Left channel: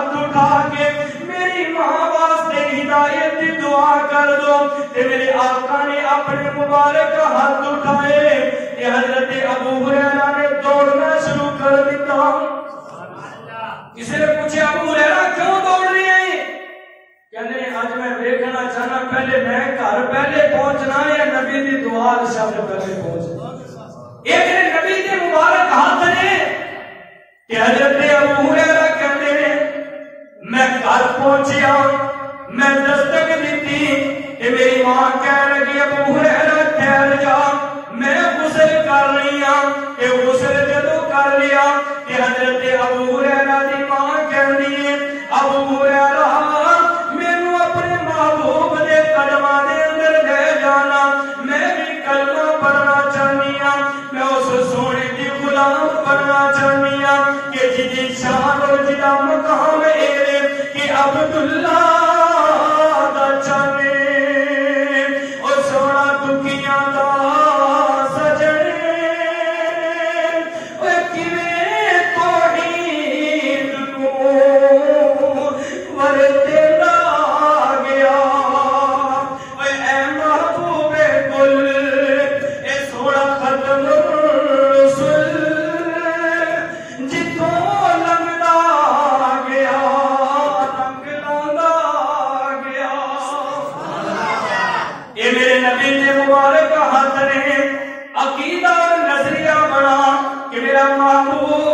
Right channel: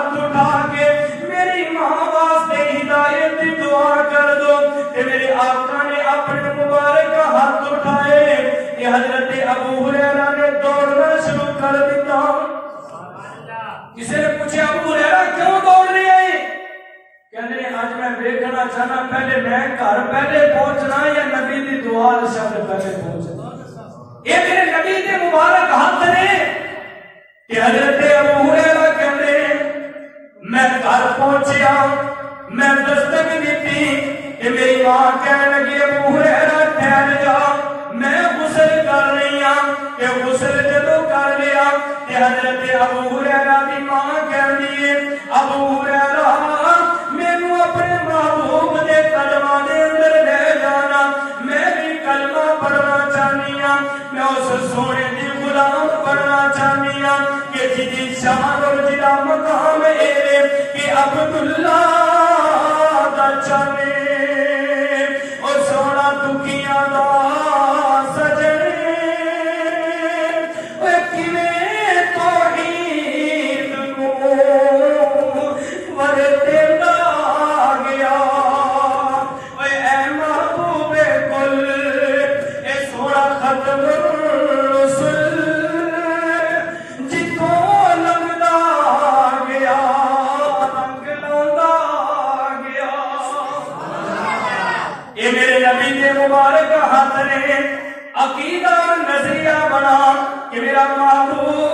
ہاتھ اٹھا کے میری ماں واسطے ہدایت دی دعا کر دو. میرے آقا نے اپنے مبارک ہاتھ اٹھائے. حضرت ابو ہریرہ نے دوڑنا شروع کر دیا. کسی نے پوچھا ابو ہریرہ کیوں دوڑ رہے ہیں؟ کہنے آج میں دیکھنا چاہنا پہلے میں گھر پہلے پہنچنا یا نبی دی دعا شب پہلے پہنچنا. ایک نے نبی دے مبارک ہاتھ نے کہ حضرت ابو ہریرہ کہنے میں گھر پہنچیا میں دستک دیتی کہ میری ماں کہنے لگی ابو ہریرہ ٹھہر جا میں غسل کر رہی ہوں. کہ غسل جدو کر لیا کہ حضرت ابو ہریرہ دی ماں کہنی ہے ابو ہریرہ مینوں اپنے محبوب دے قدماں دے اندر لے جانا میں بھی کلمہ پڑھنا چاہنی ہوں میں اس سونے دی غلام بننا چاہنی ہوں کہ جدی شان اور جدا مقام اے کہ عبداللہ دا چاہنے اور سونا دکھیاں دا نبی نے مبارک ہاتھ نے عقیدہ اور نظریہ بنا کہ میرا محبوب